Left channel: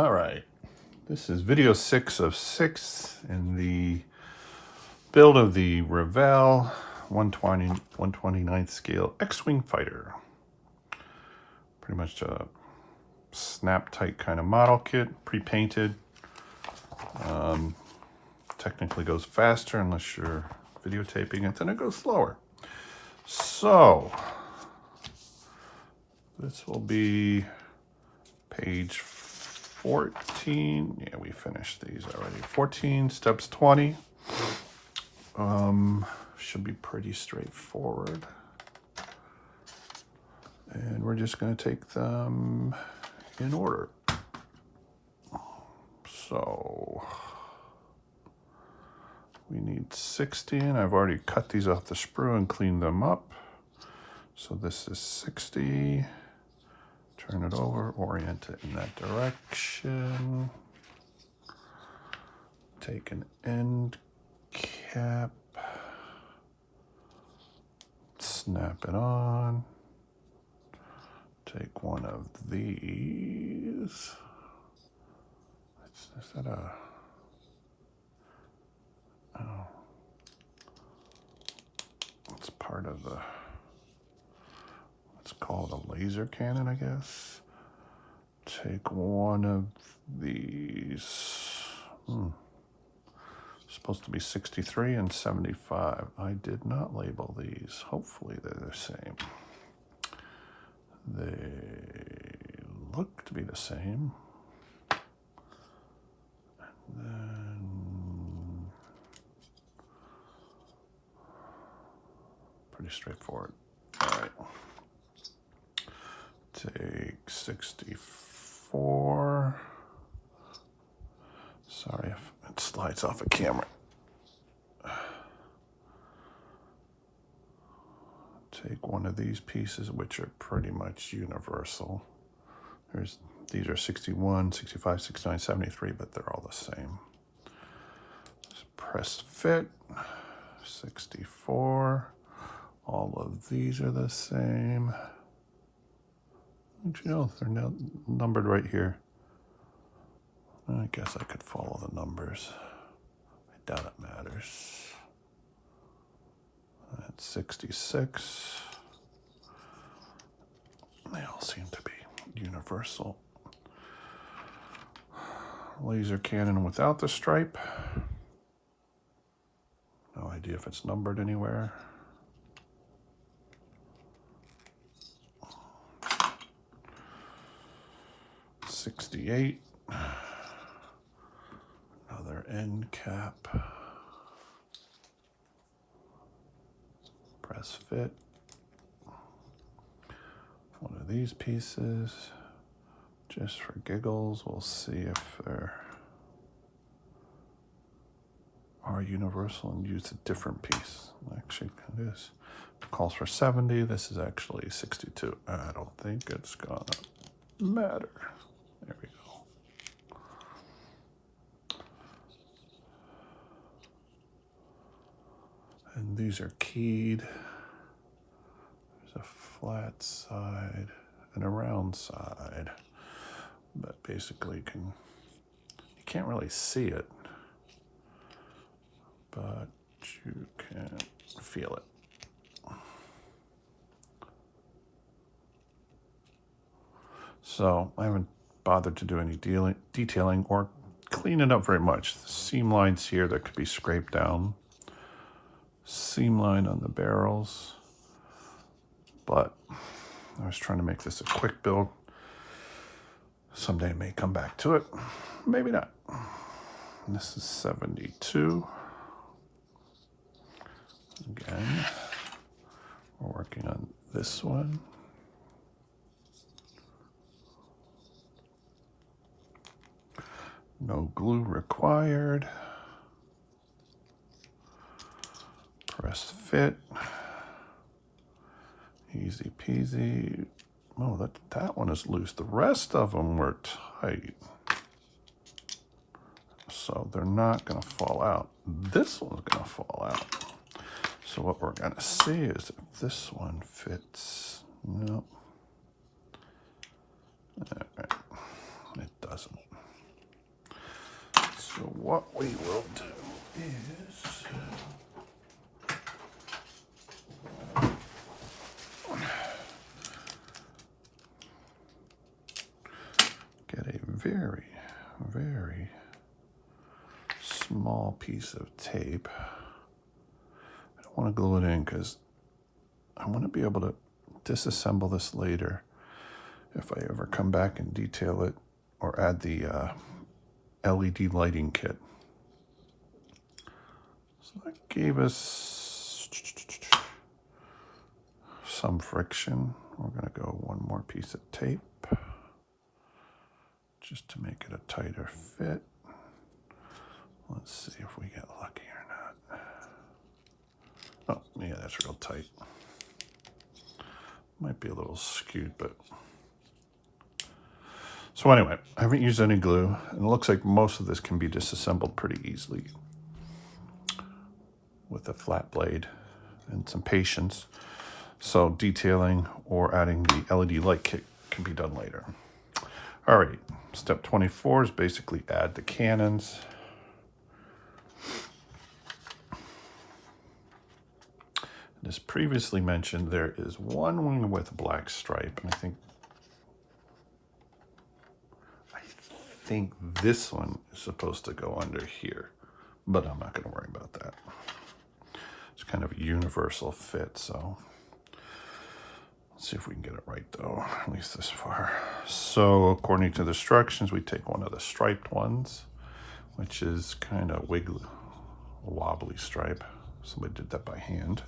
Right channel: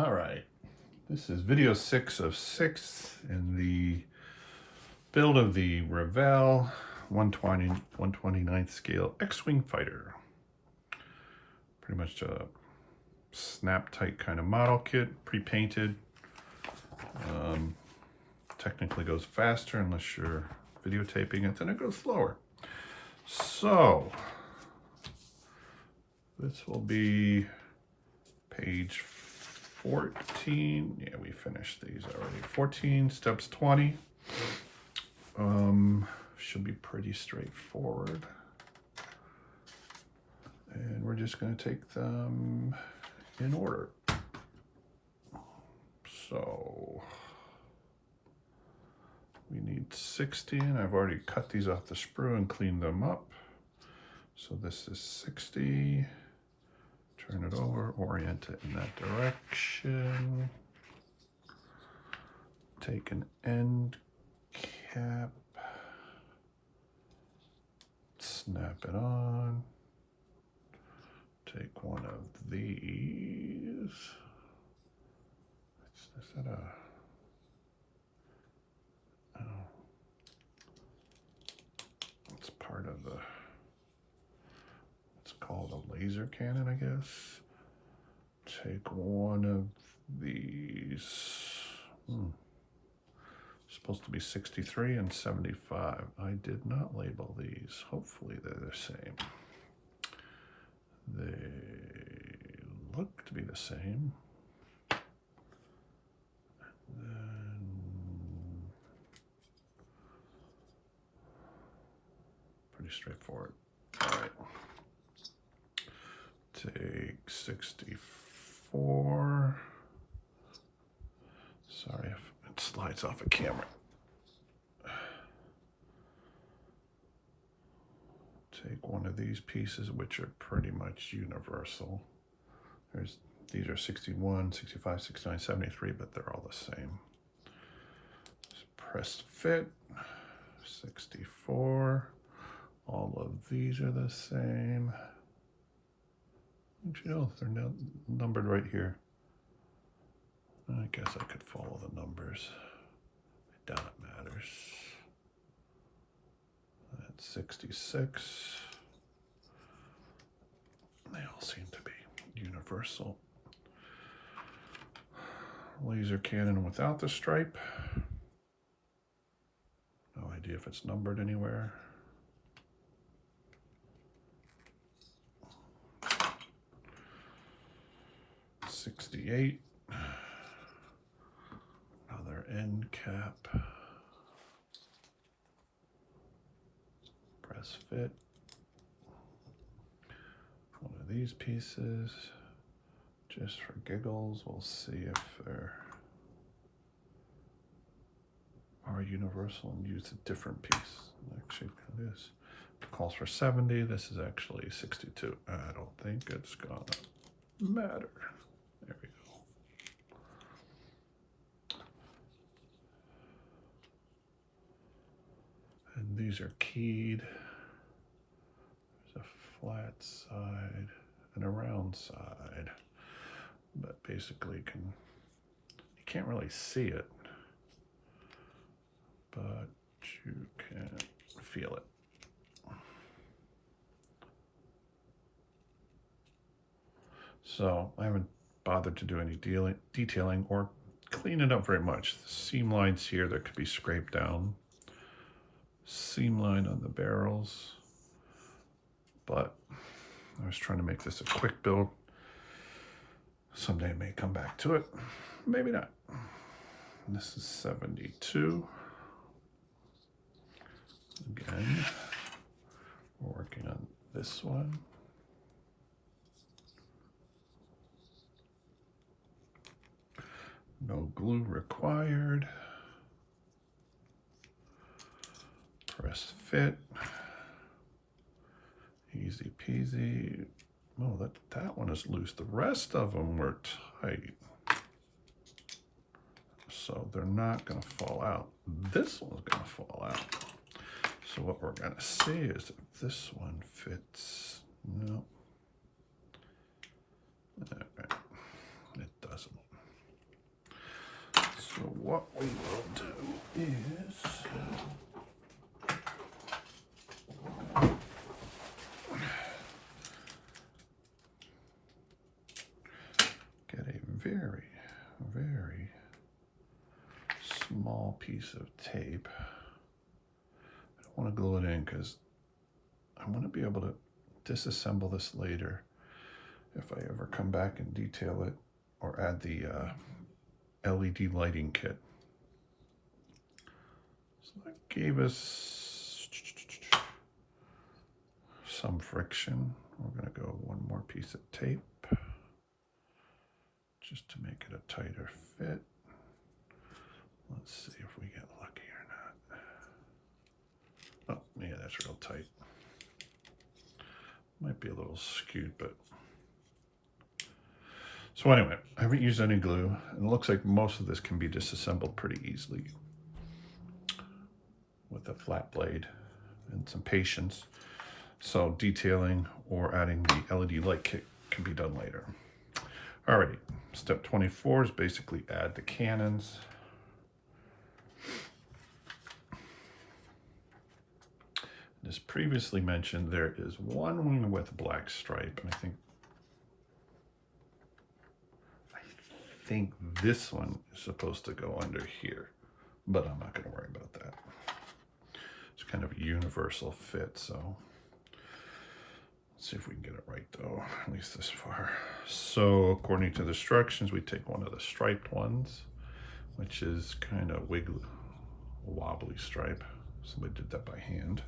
All right, this is video 6 of 6 in the build of the Revell 129th scale X-Wing fighter. Pretty much a snap tight kind of model kit, pre-painted. Technically goes faster unless you're videotaping it, then it goes slower. So this will be page 14. Yeah, we finished these already. 14, steps 20. Should be pretty straightforward. And we're just going to take them in order. So we need 60, and I've already cut these off the sprue and cleaned them up. So this is 60. Turn it over, orient it in that direction. Take an end cap, snap it on. Take one of these. Is that a... Oh. It's part of the... It's called a laser cannon, I guess. Take one of these. Supposed to be 63 and 75. I did not label these. Hopefully they're the same. They look to be the same. And then pretty straightforward. All right. Take 64. Sorry if it slides off a camera. Take one of these pieces, which are pretty much universal. These are 61, 65, 69, 73, but they're all the same. Just press fit, 64. All of these are the same. You know, they're now numbered right here. I guess I could follow the numbers. I doubt it matters. That's 66. They all seem to be universal. Laser cannon without the stripe. No idea if it's numbered anywhere. $68. Another end cap. Press fit. One of these pieces. Just for giggles, we'll see if there are universal and use a different piece. Actually, it is. It calls for 70. This is actually 62. I don't think it's gonna matter. There we go. And these are keyed. There's a flat side and a round side. But basically you can't really see it, but you can feel it. So I haven't bothered to do any detailing or clean it up very much. The seam lines here that could be scraped down. Seam line on the barrels. But I was trying to make this a quick build. Someday I may come back to it. Maybe not. And this is 72. Again, we're working on this one. No glue required. Press fit. Easy peasy. Oh, that one is loose. The rest of them were tight. So they're not going to fall out. This one's going to fall out. So what we're going to see is if this one fits. Nope. All right. It doesn't. So what we will do is get a very, very small piece of tape. I don't want to glue it in because I want to be able to disassemble this later if I ever come back and detail it or add the LED lighting kit. So that gave us some friction. We're going to go one more piece of tape just to make it a tighter fit. Let's see if we get lucky or not. Oh, yeah, that's real tight. Might be a little skewed, but... So anyway, I haven't used any glue, and it looks like most of this can be disassembled pretty easily with a flat blade and some patience. So detailing or adding the LED light kit can be done later. All right, step 24 is basically add the cannons. As previously mentioned, there is one wing with black stripe, and I think this one is supposed to go under here, but I'm not going to worry about that. It's kind of a universal fit, so let's see if we can get it right though, at least this far. So according to the instructions, we take one of the striped ones, which is kind of wiggly, wobbly stripe. Somebody did that by hand.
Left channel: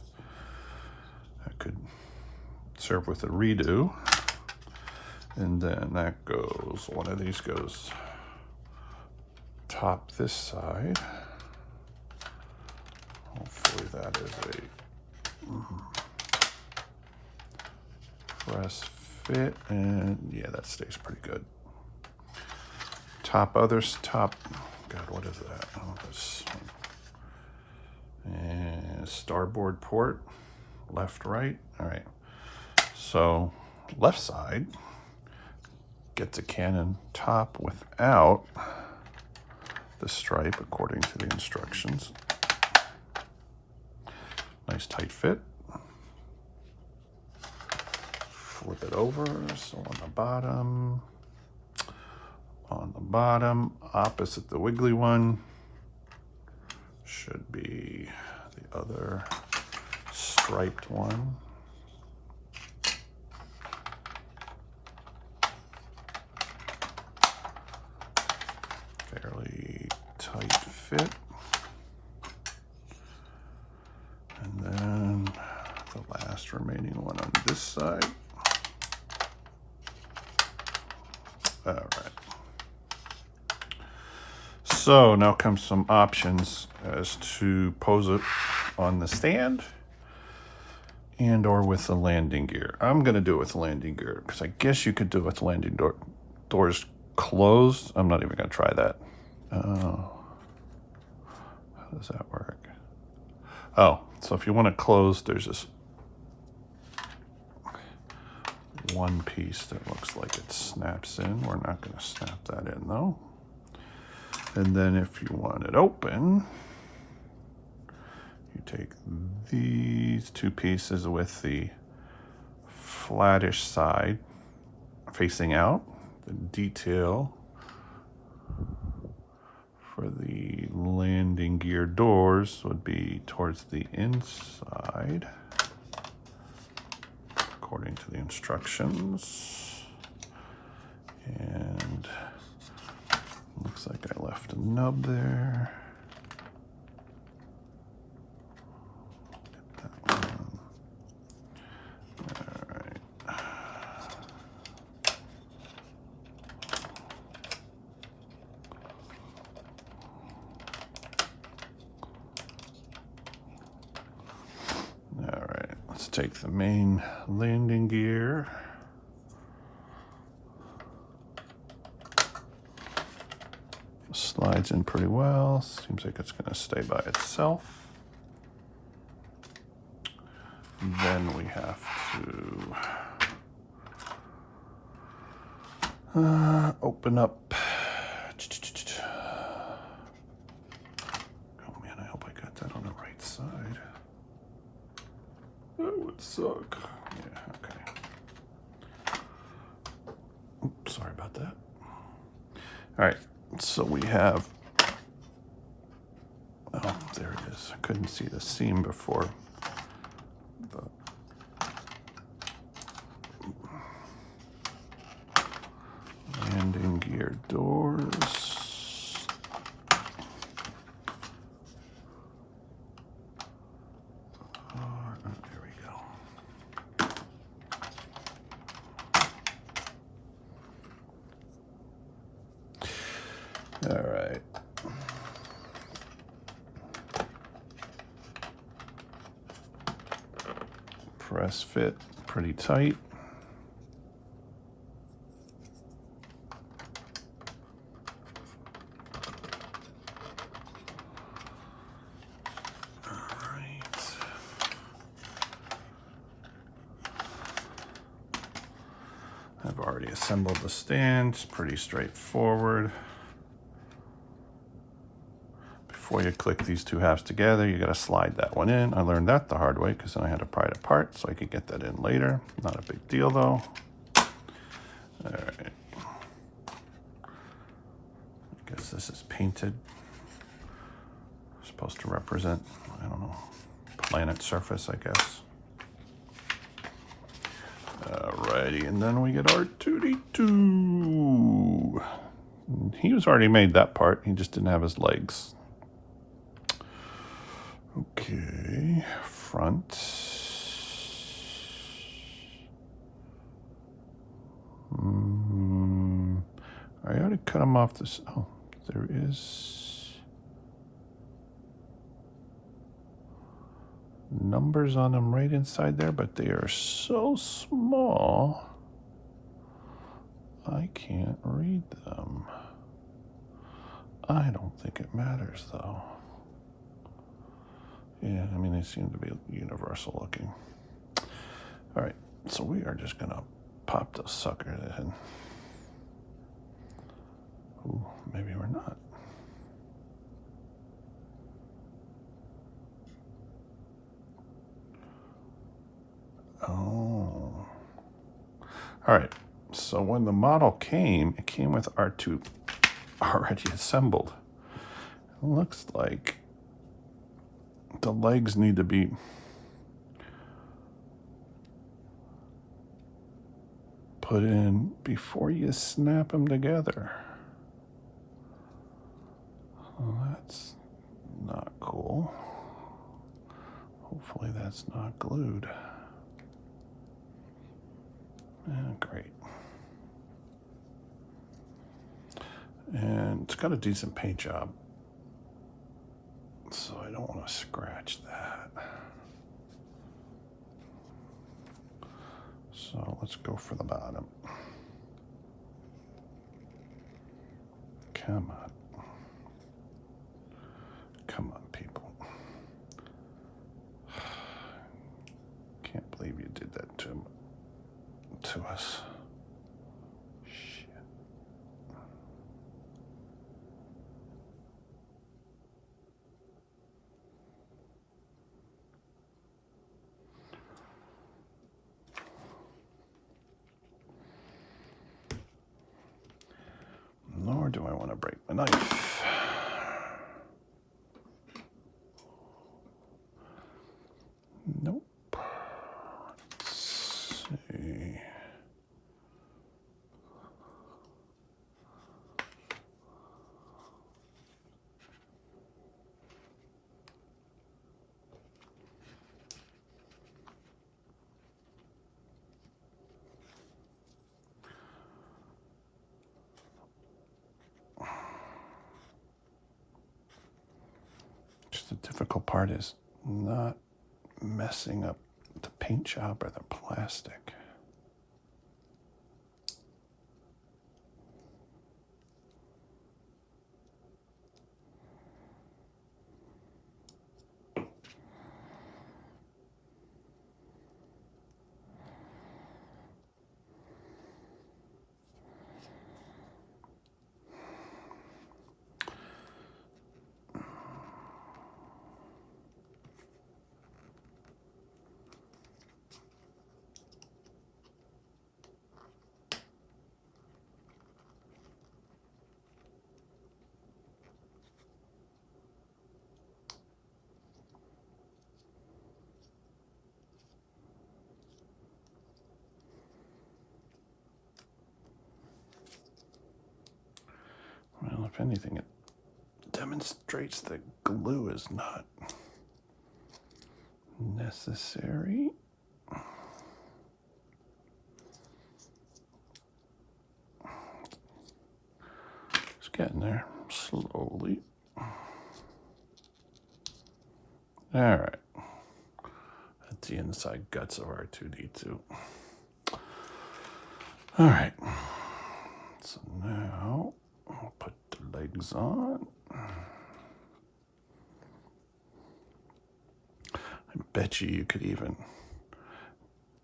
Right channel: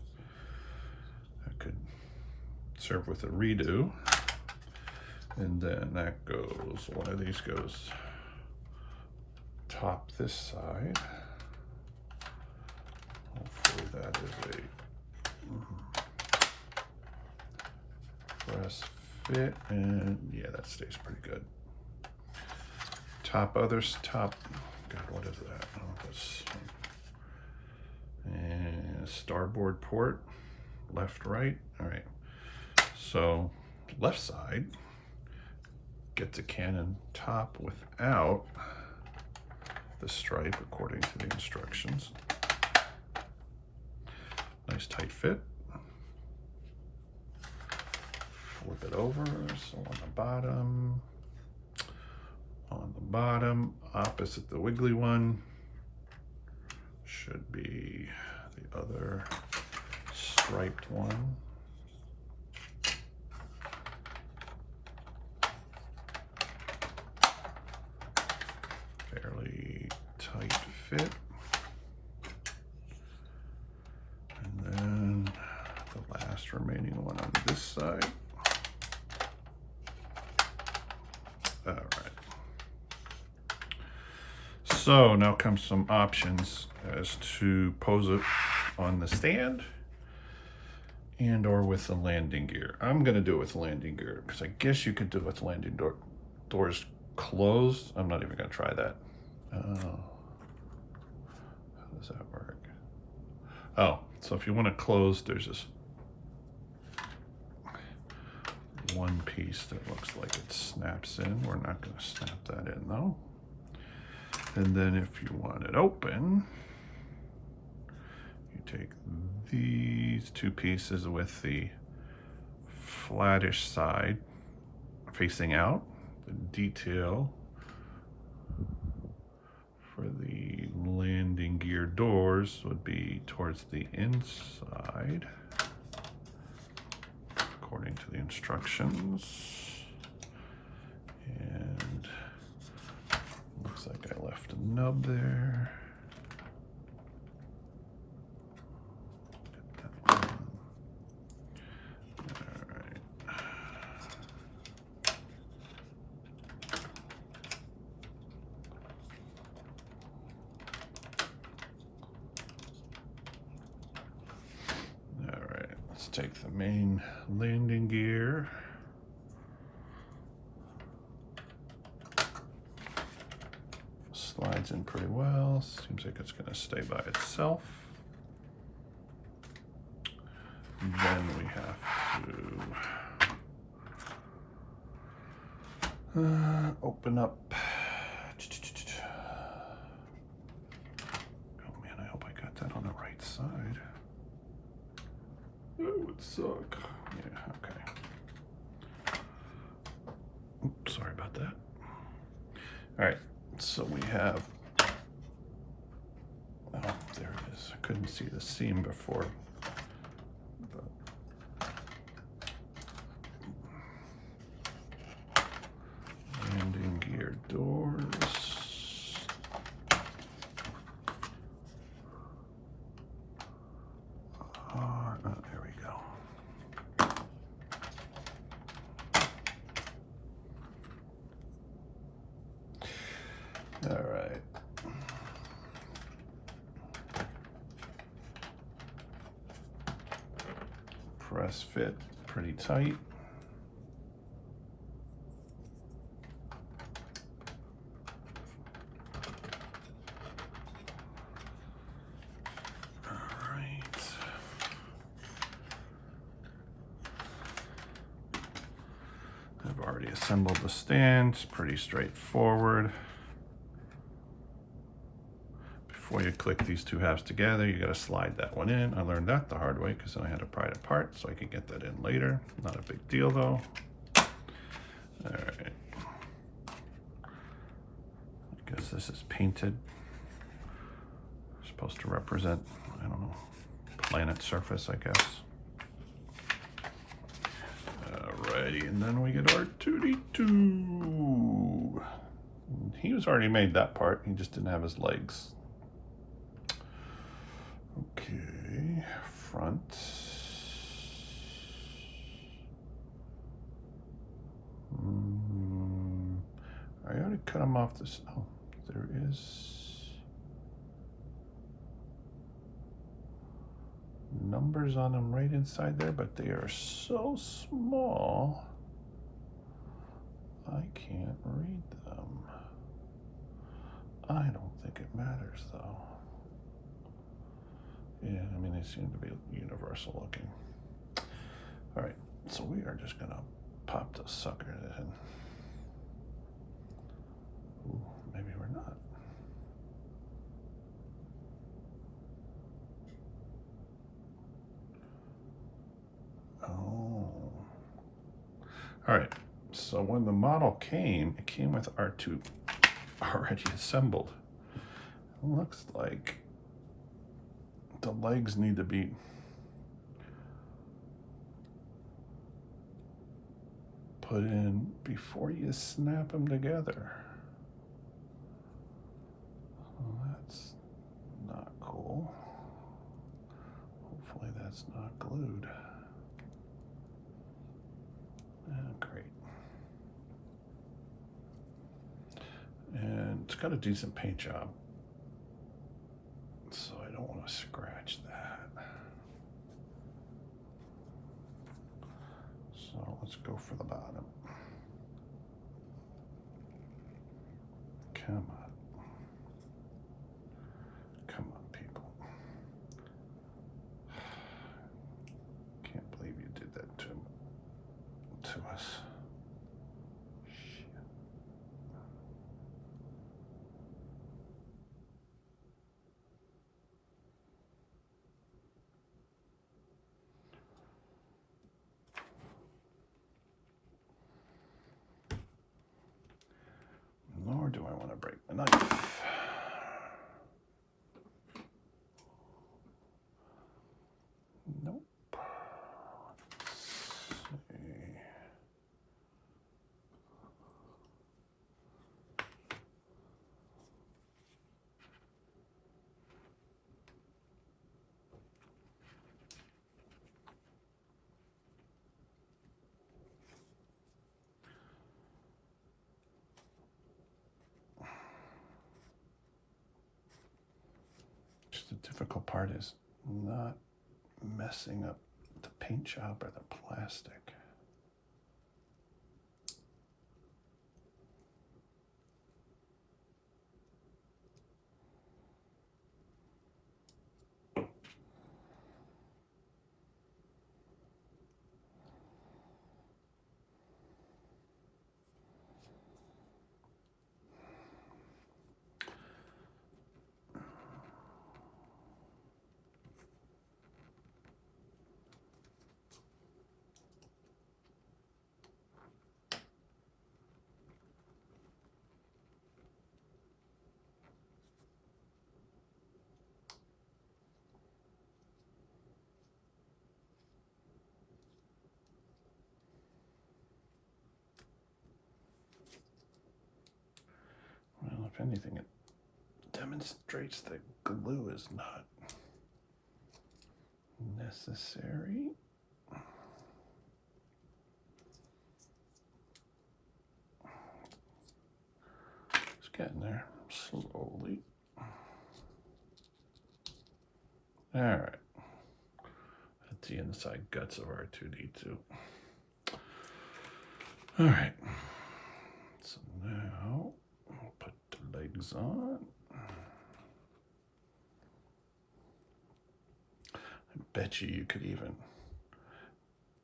I could serve with a redo. And then that goes, one of these goes top this side. Hopefully that is a press fit, and yeah, that stays pretty good. Top, God, what is that? Oh, this one. And starboard port, left, right. All right, so left side gets a cannon top without the stripe according to the instructions. Nice tight fit. Flip it over, so on the bottom, opposite the wiggly one, should be the other striped one. Fairly tight fit. And then the last remaining one on this side. All right. So now comes some options as to pose it on the stand and or with the landing gear. I'm going to do it with landing gear because I guess you could do it with landing doors closed. I'm not even going to try that. How does that work? Oh, so if you want to close, there's this one piece that looks like it snaps in. We're not going to snap that in though. And then if you want it open, you take these two pieces with the flattish side facing out. The detail for the landing gear doors would be towards the inside, according to the instructions. And looks like I left a nub there. Get that one. All right. All right, let's take the main landing gear. Slides in pretty well. Seems like it's going to stay by itself. Then we have to open up Sorry about that. All right, so we have, oh, there it is. I couldn't see the seam before. Landing gear doors. There we go. All right. Press fit pretty tight. All right. I've already assembled the stand. It's pretty straightforward. Before you click these two halves together, you got to slide that one in. I learned that the hard way because then I had to pry it apart so I could get that in later. Not a big deal though. All right. I guess this is painted. Supposed to represent, I don't know, planet surface, I guess. Alrighty, and then we get our 2D2. He was already made that part. He just didn't have his legs. Okay, front. I already cut him off this. Oh, there is numbers on them right inside there, but they are so small I can't read them. I don't think it matters though. Yeah, I mean, they seem to be universal looking. All right, so we are just gonna pop those suckers in. Ooh, maybe we're not. Oh. All right, so when the model came, it came with R2 already assembled. It looks like the legs need to be put in before you snap them together. Well, that's not cool. Hopefully that's not glued. Great. And it's got a decent paint job, so I don't want to scratch that. So let's go for the bottom. Come on. Come on, people. Can't believe you did that to us. Shit. Nor do I want to break my knife. Nope. Let's see. Just the difficult part is not messing up the paint job or the plastic. if anything, it demonstrates that glue is not necessary. It's getting there slowly. All right. That's the inside guts of R2-D2. All right. So now I'll put the legs on. I bet you could even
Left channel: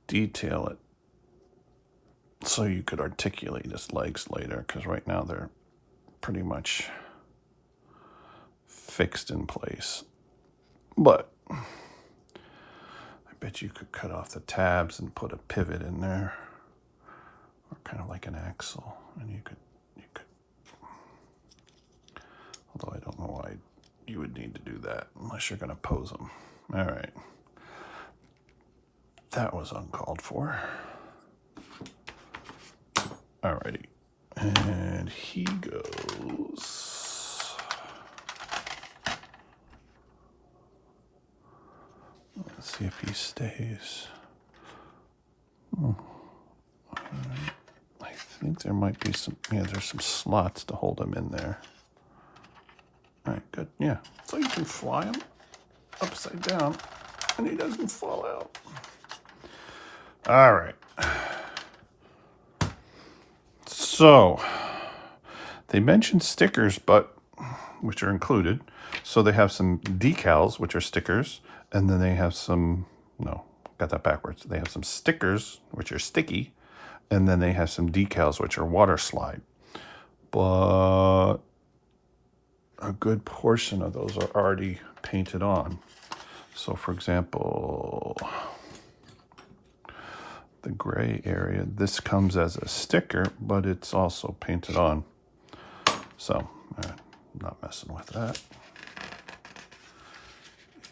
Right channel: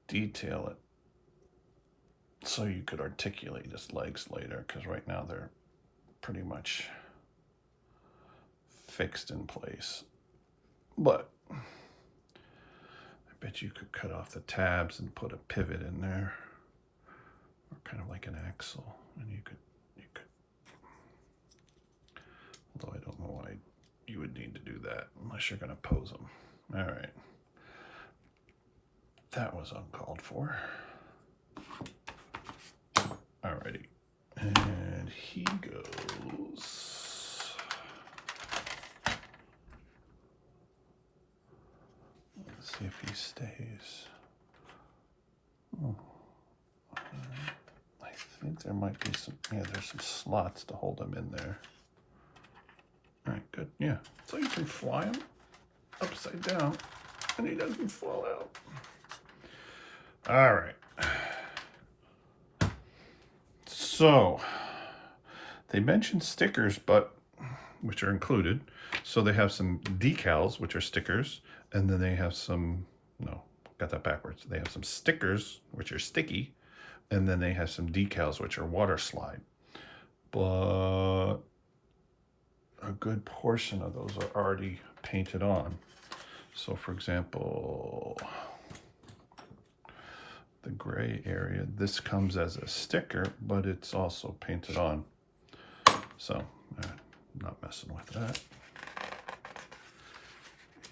detail it so you could articulate his legs later, because right now they're pretty much fixed in place. But I bet you could cut off the tabs and put a pivot in there, or kind of like an axle, and you could, although I don't know why you would need to do that unless you're going to pose them. All right. That was uncalled for. Alrighty. And he goes. Let's see if he stays. I think there might be some, yeah, there's some slots to hold him in there. All right, good. Yeah. So you can fly him upside down and he doesn't fall out. All right. So they mentioned stickers, but which are included. So they have some decals, which are stickers, and then they have some, no, got that backwards. They have some stickers, which are sticky, and then they have some decals, which are water slide. But a good portion of those are already painted on. So for example, the gray area, this comes as a sticker, but it's also painted on. So I'm not messing with that.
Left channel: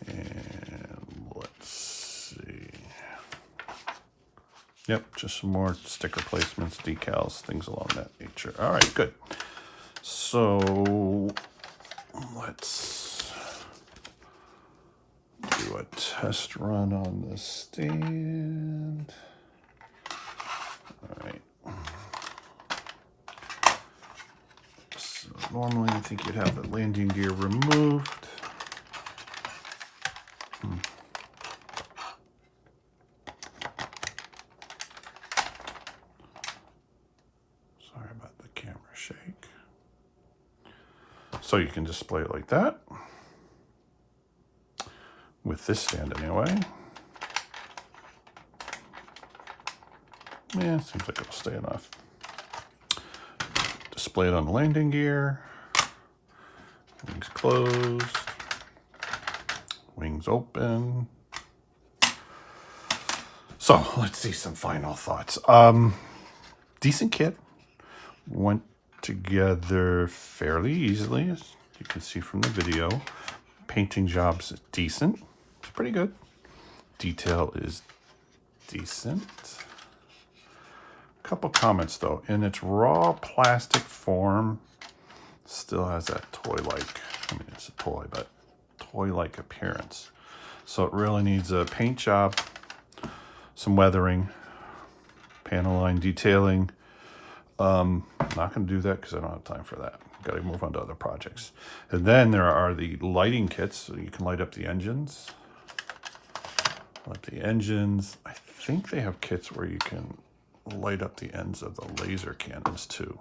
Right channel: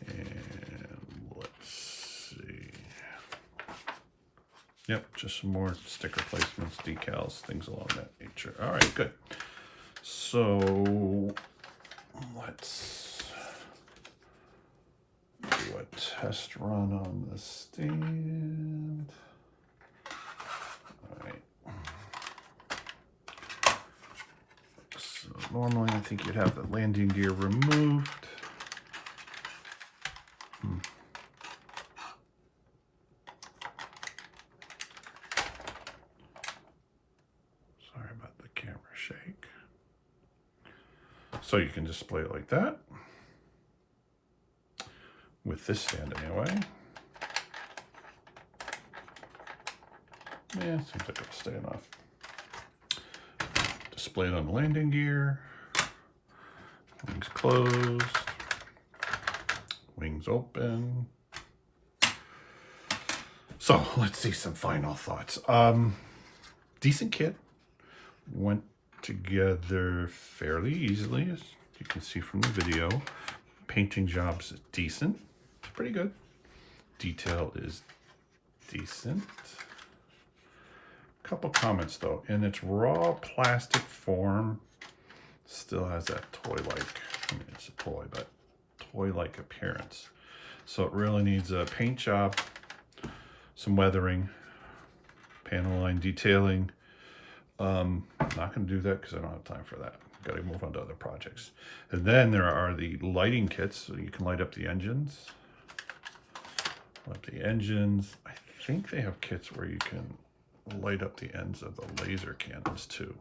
And let's see. Yep, just some more sticker placements, decals, things along that nature. All right, good. So let's do a test run on the stand. All right. So normally I think you'd have the landing gear removed. Sorry about the camera shake. So you can display it like that. With this stand anyway. Yeah, seems like it'll stay enough. Display it on the landing gear. Wings closed. Wings open. So let's see some final thoughts. Decent kit. Went together fairly easily, as you can see from the video. Painting job's decent. It's pretty good. Detail is decent. Couple comments though. In its raw plastic form, still has that toy-like, I mean it's a toy, but toy-like appearance. So it really needs a paint job, some weathering, panel line detailing. Not going to do that because I don't have time for that. Got to move on to other projects. And then there are the lighting kits, so you can light up the engines. Light the engines. I think they have kits where you can light up the ends of the laser cannons too.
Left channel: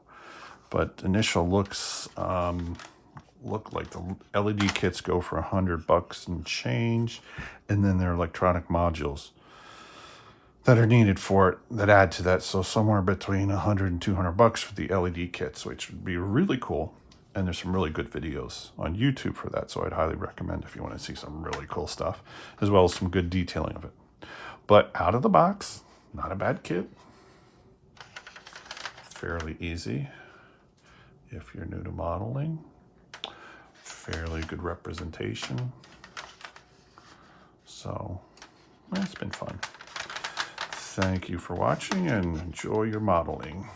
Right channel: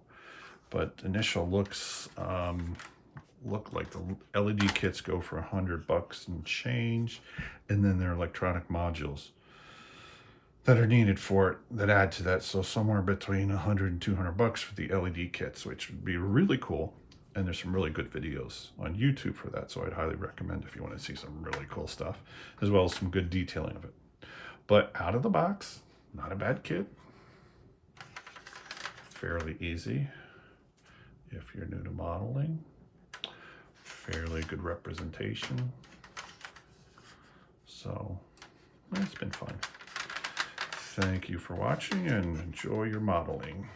But initial looks look like the LED kits go for $100 and change, and then there are electronic modules that are needed for it that add to that. So somewhere between $100 and $200 for the LED kits, which would be really cool. And there's some really good videos on YouTube for that. So I'd highly recommend if you want to see some really cool stuff, as well as some good detailing of it. But out of the box, not a bad kit. Fairly easy if you're new to modeling. Fairly good representation. So it's been fun. Thank you for watching and enjoy your modeling.